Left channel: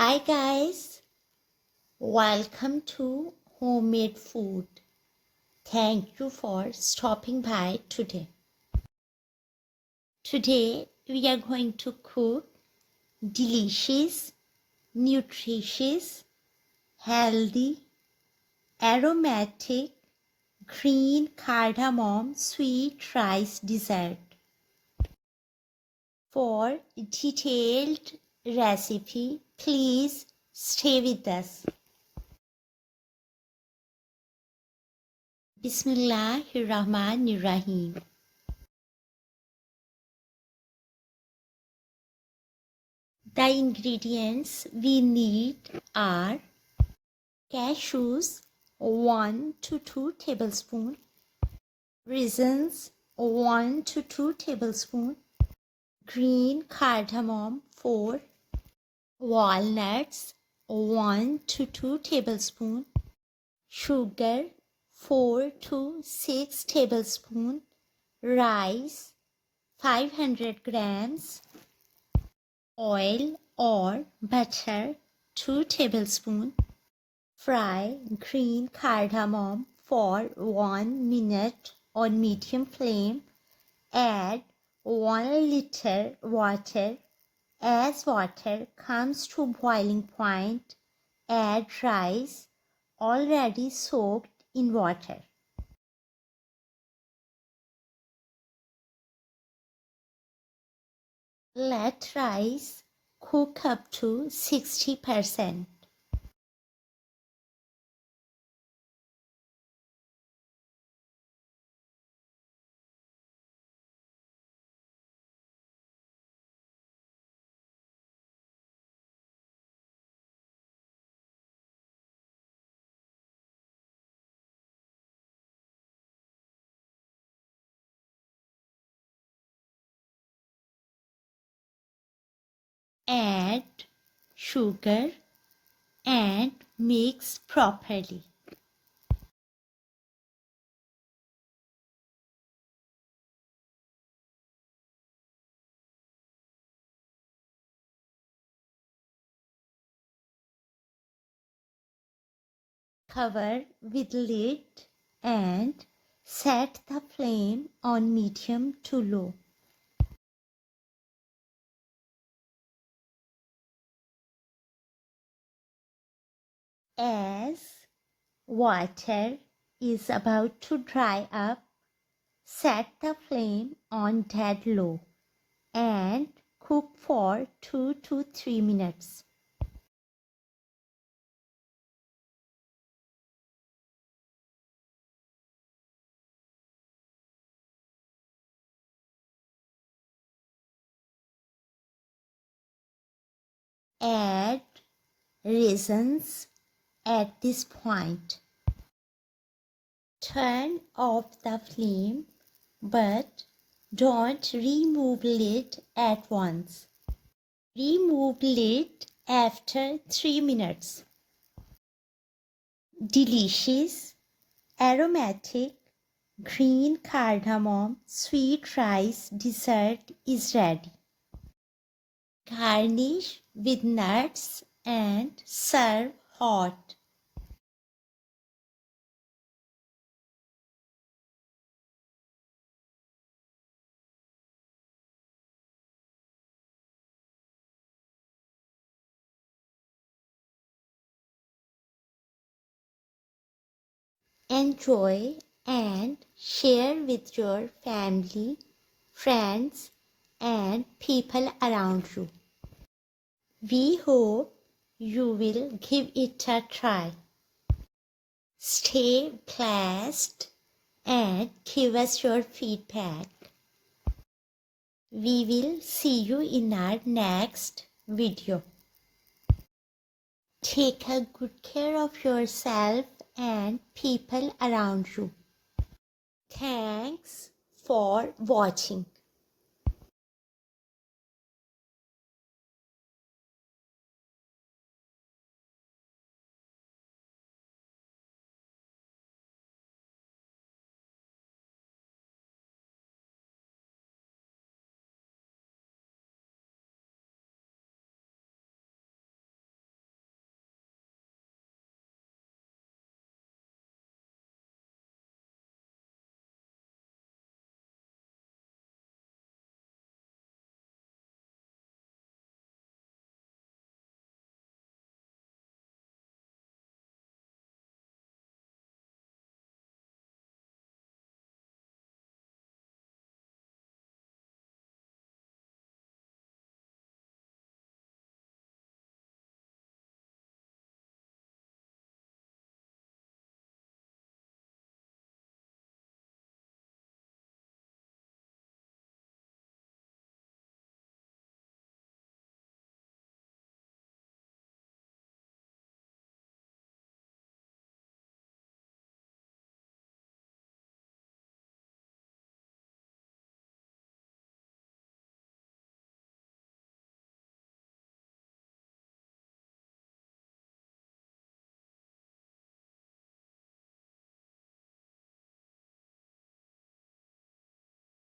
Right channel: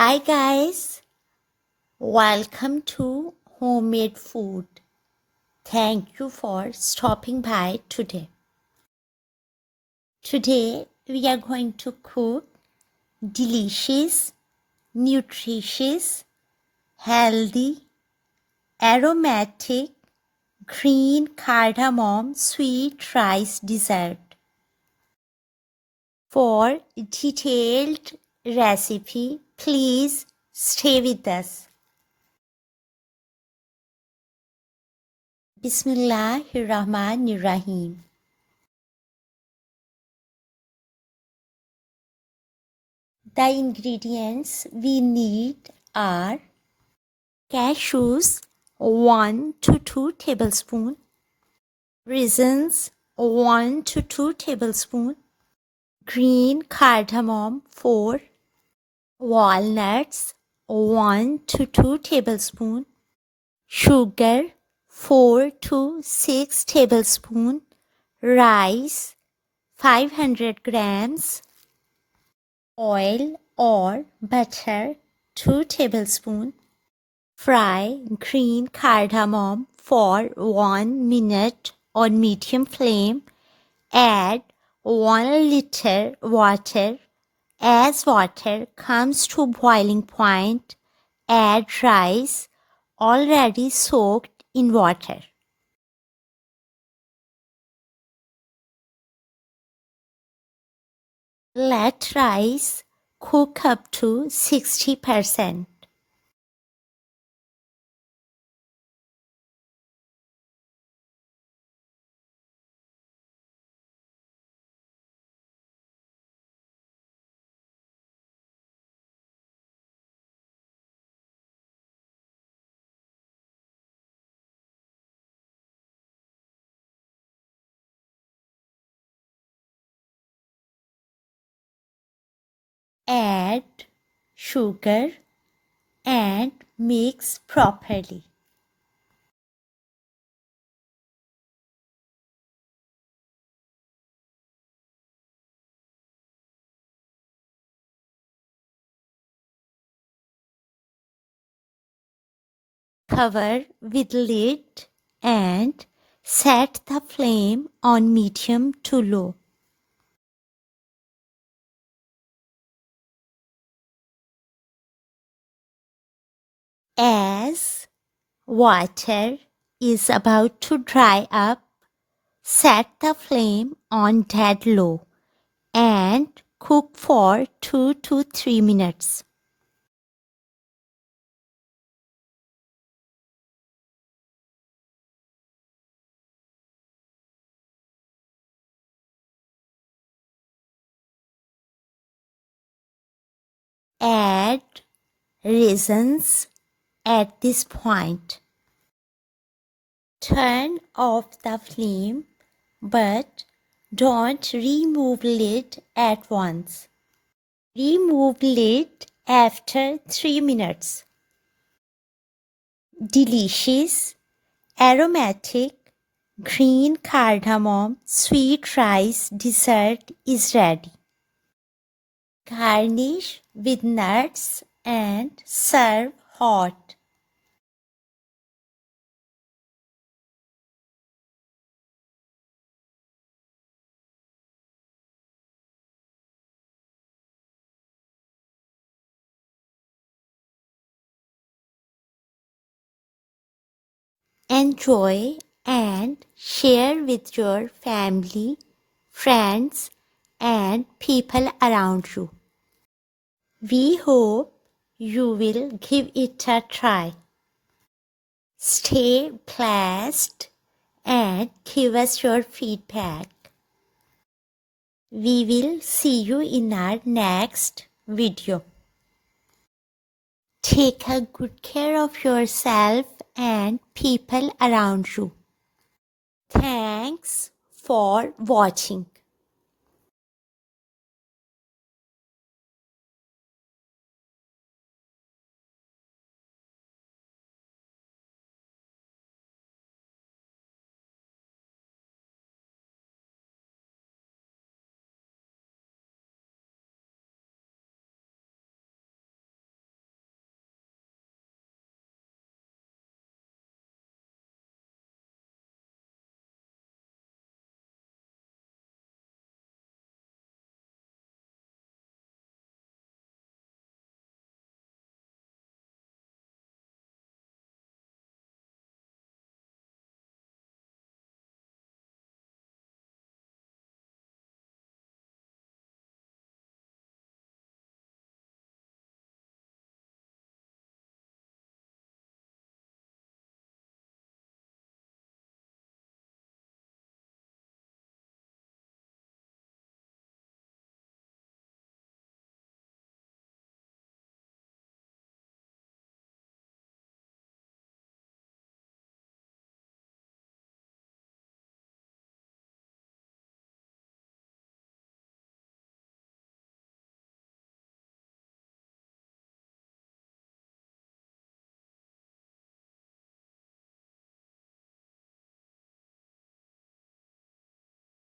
Hi guys, welcome to Homemade Food. Thank you for stopping by today. Today we are going to cook delicious, nutritious, healthy, aromatic, green cardamom sweet rice dessert. For detailed recipe, please stay with us. Bismillahirrahmanirrahim. The ingredients we need are cashews 1 to 2 tablespoons, raisins 1 to 2 tablespoons, green cardamom 4, walnuts 1 to 2 tablespoons, sugar 4 to 6 tablespoons, rice 500 grams, oil or butter 2 tablespoons. Fry green cardamom for 1 minute on medium flame. Add 1 liter water. As water comes to boiling point, add rice already soaked in water. Let rice cook up to 60%. Add sugar and mix properly. Cover with lid and set the flame on medium to low. As water is about to dry up, set the flame on dead low and cook for 2 to 3 minutes. Add raisins at this point. Turn off the flame, but don't remove lid at once. Remove lid after 3 minutes. Delicious, aromatic, green cardamom sweet rice dessert is ready. Garnish with nuts and serve hot. Enjoy and share with your family, friends, and people around you. We hope you will give it a try. Stay blessed and give us your feedback. We will see you in our next video. Take a good care of yourself and people around you. Thanks for watching.